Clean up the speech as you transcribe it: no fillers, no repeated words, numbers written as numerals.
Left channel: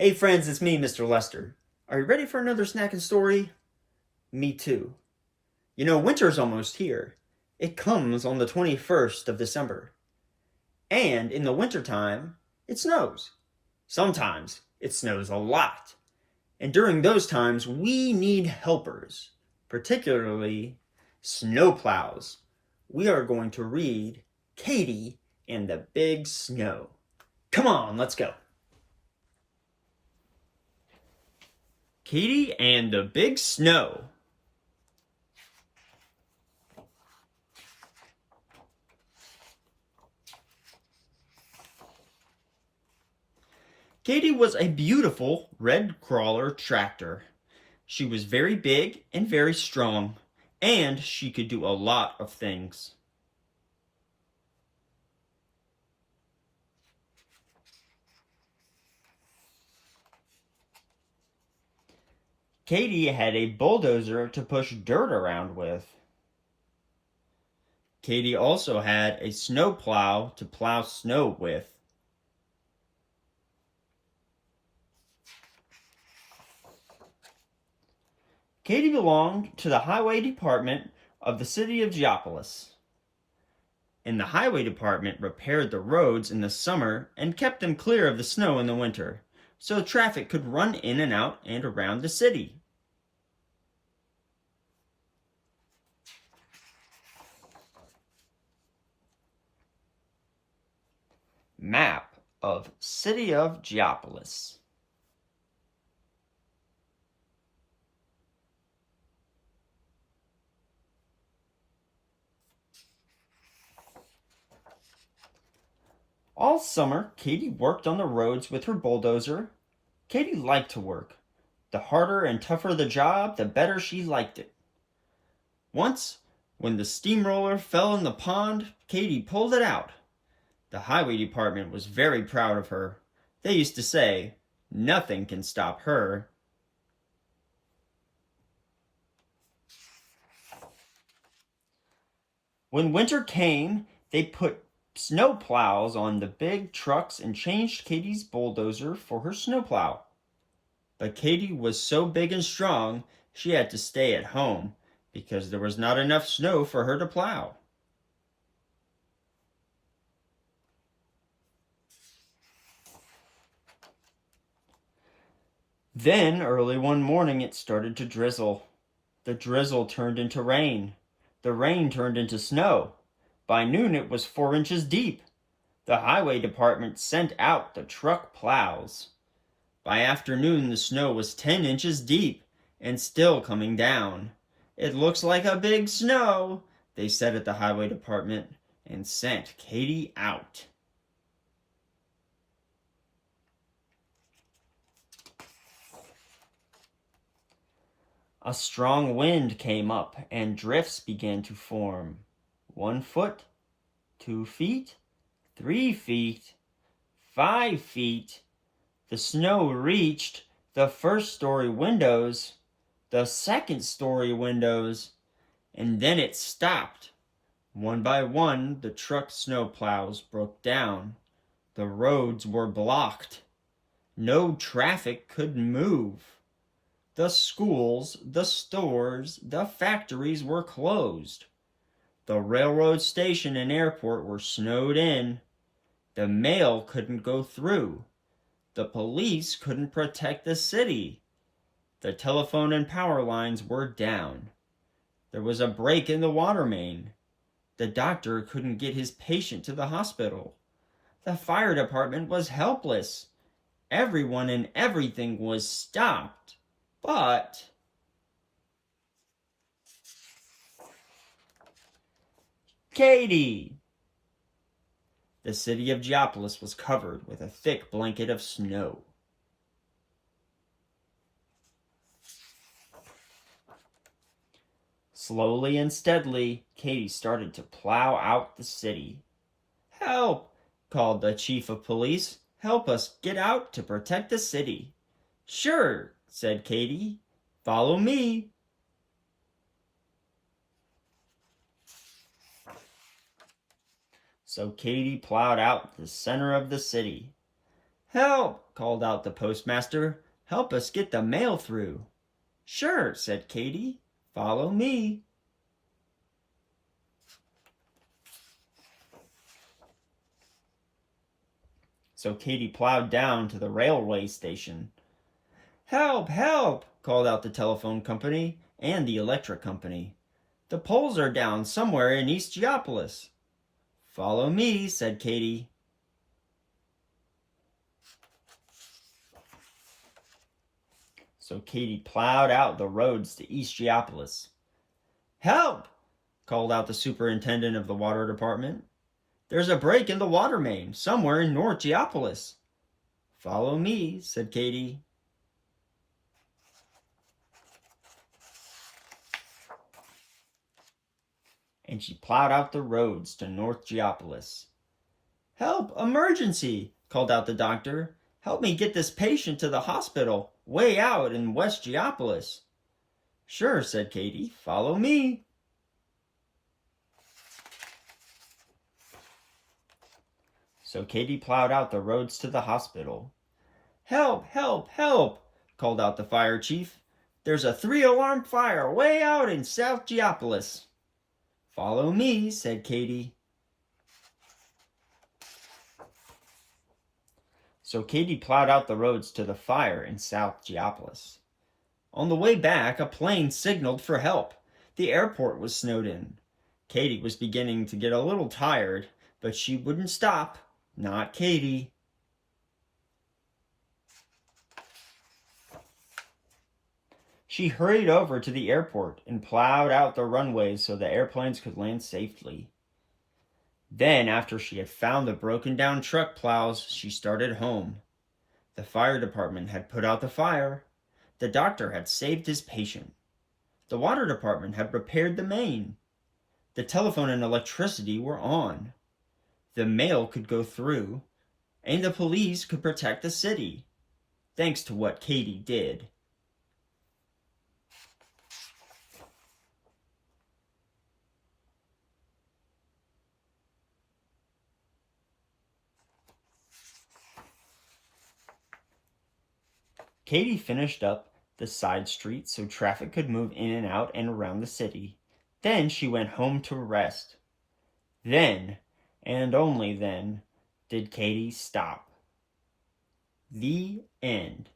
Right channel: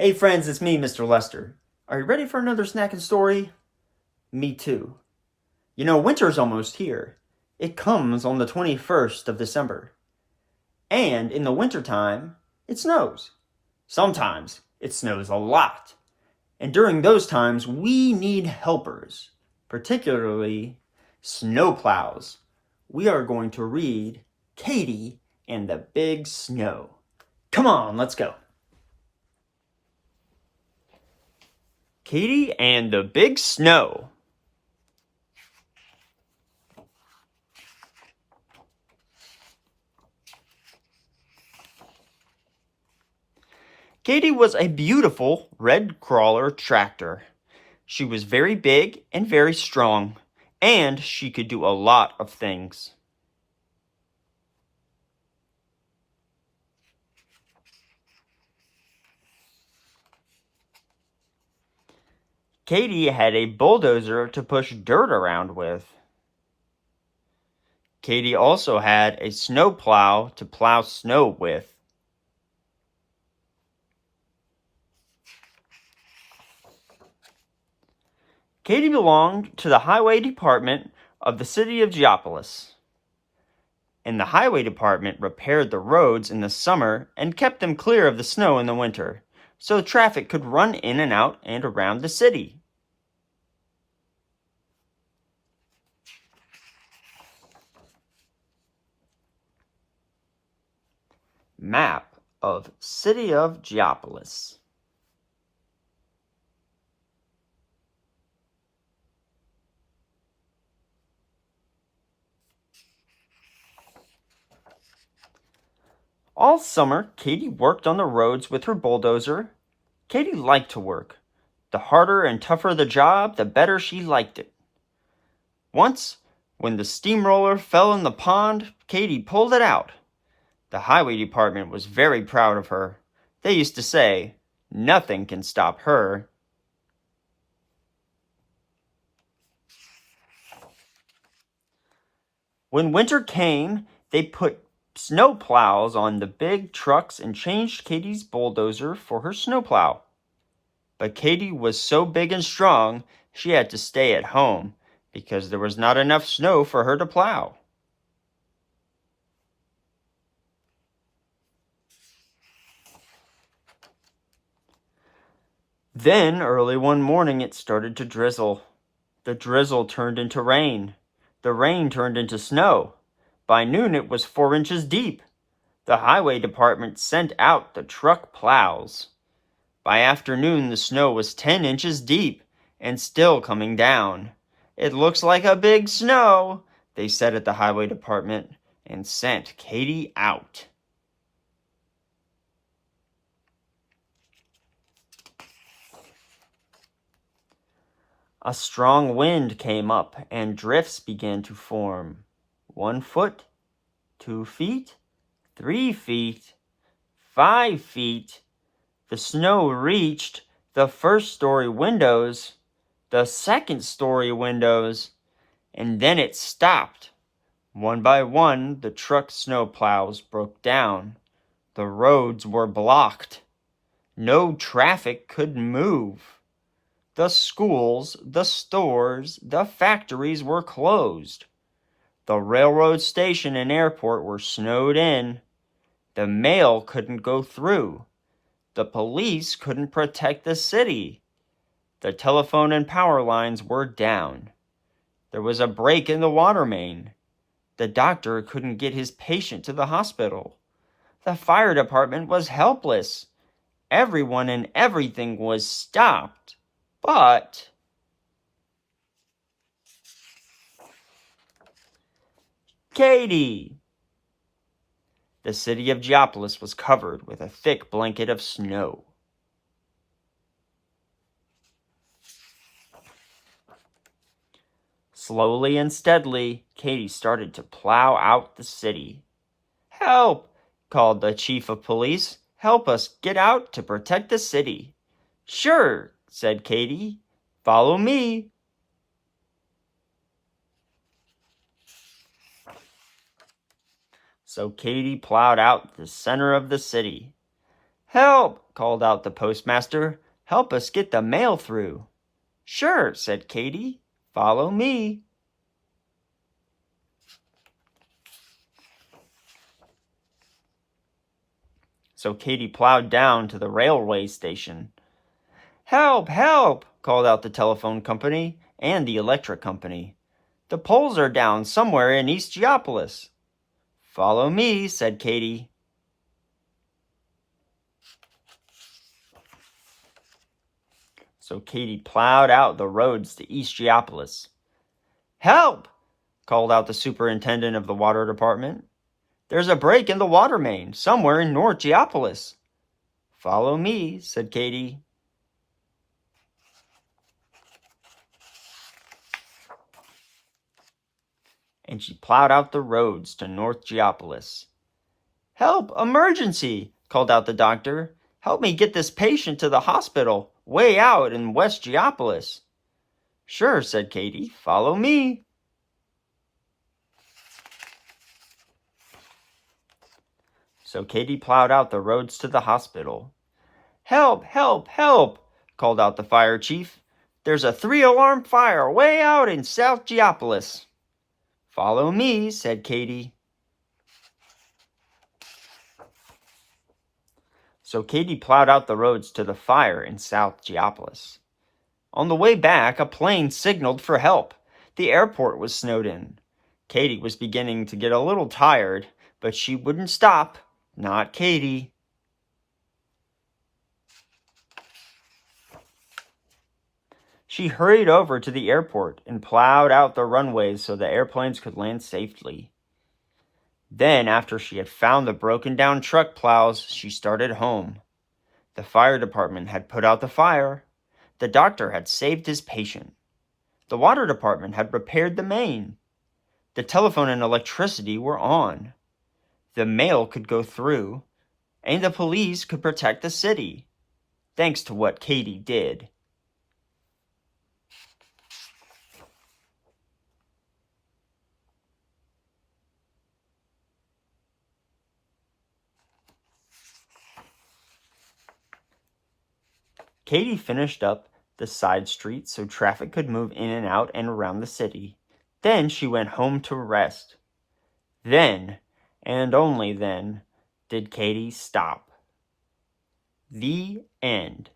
Hey friends, it's me, Mr. Lester. Are you ready for another snacking story? Me too. You know, winter's almost here. It comes on the 21st of December. And in the wintertime, it snows. Sometimes it snows a lot. And during those times, we need helpers, particularly snowplows. We are going to read Katy and the Big Snow. Come on, let's go. Katy and the Big Snow. Katy was a beautiful red crawler tractor. She was very big and very strong, and she could do a lot of things. Katy had a bulldozer to push dirt around with. Katy also had a snowplow to plow snow with. Katy belonged to the highway department of the city of Geopolis. And the highway department repaired the roads in the summer and kept them clear of the snow in the winter, so traffic could run in and out and around the city. Map of City of Geopolis. All summer, Katy worked on the roads with her bulldozer. Katy liked to work. The harder and tougher the job, the better she liked it. Once, when the steamroller fell in the pond, Katy pulled it out. The highway department was very proud of her. They used to say, "Nothing can stop her." When winter came, they put snow plows on the big trucks and changed Katy's bulldozer for her snowplow. But Katy was so big and strong, she had to stay at home because there was not enough snow for her to plow. Then, early one morning, it started to drizzle. The drizzle turned into rain. The rain turned into snow. By noon, it was 4 inches deep. The highway department sent out the truck plows. By afternoon, the snow was 10 inches deep and still coming down. "It looks like a big snow," they said at the highway department, and sent Katy out. A strong wind came up and drifts began to form. 1 foot, 2 feet, 3 feet, 5 feet. The snow reached the first-story windows, the second-story windows, and then it stopped. One by one, the truck snowplows broke down. The roads were blocked. No traffic could move. The schools, the stores, the factories were closed. The railroad station and airport were snowed in. The mail couldn't go through. The police couldn't protect the city. The telephone and power lines were down. There was a break in the water main. The doctor couldn't get his patient to the hospital. The fire department was helpless. Everyone and everything was stopped. But Katy! The city of Geopolis was covered with a thick blanket of snow. Slowly and steadily, Katy started to plow out the city. "Help!" called the chief of police. "Help us get out to protect the city." "Sure," said Katy. "Follow me." So Katy plowed out the center of the city. "Help!" called out the postmaster. "Help us get the mail through." "Sure," said Katy. "Follow me." So Katy plowed down to the railway station. "Help! Help!" called out the telephone company and the electric company. "The poles are down somewhere in East Geopolis." "Follow me," said Katy. So Katy plowed out the roads to East Geopolis. "Help!" called out the superintendent of the water department. "There's a break in the water main somewhere in North Geopolis." "Follow me," said Katy. And she plowed out the roads to North Geopolis. "Help! Emergency!" called out the doctor. "Help me get this patient to the hospital, way out in West Geopolis." "Sure," said Katy. "Follow me." So Katy plowed out the roads to the hospital. "Help! Help! Help!" called out the fire chief. "There's a 3-alarm fire way out in South Geopolis." "Follow me," said Katy. So Katy plowed out the roads to the fire in South Geopolis. On the way back, a plane signaled for help. The airport was snowed in. Katy was beginning to get a little tired, but she wouldn't stop. Not Katy. She hurried over to the airport and plowed out the runways so the airplanes could land safely. Then, after she had found the broken down truck plows, she started home. The fire department had put out the fire. The doctor had saved his patient. The water department had repaired the main. The telephone and electricity were on. The mail could go through, and the police could protect the city, thanks to what Katy did. Katy finished up the side streets so traffic could move in and out and around the city. Then she went home to rest. Then, and only then, did Katy stop. The end.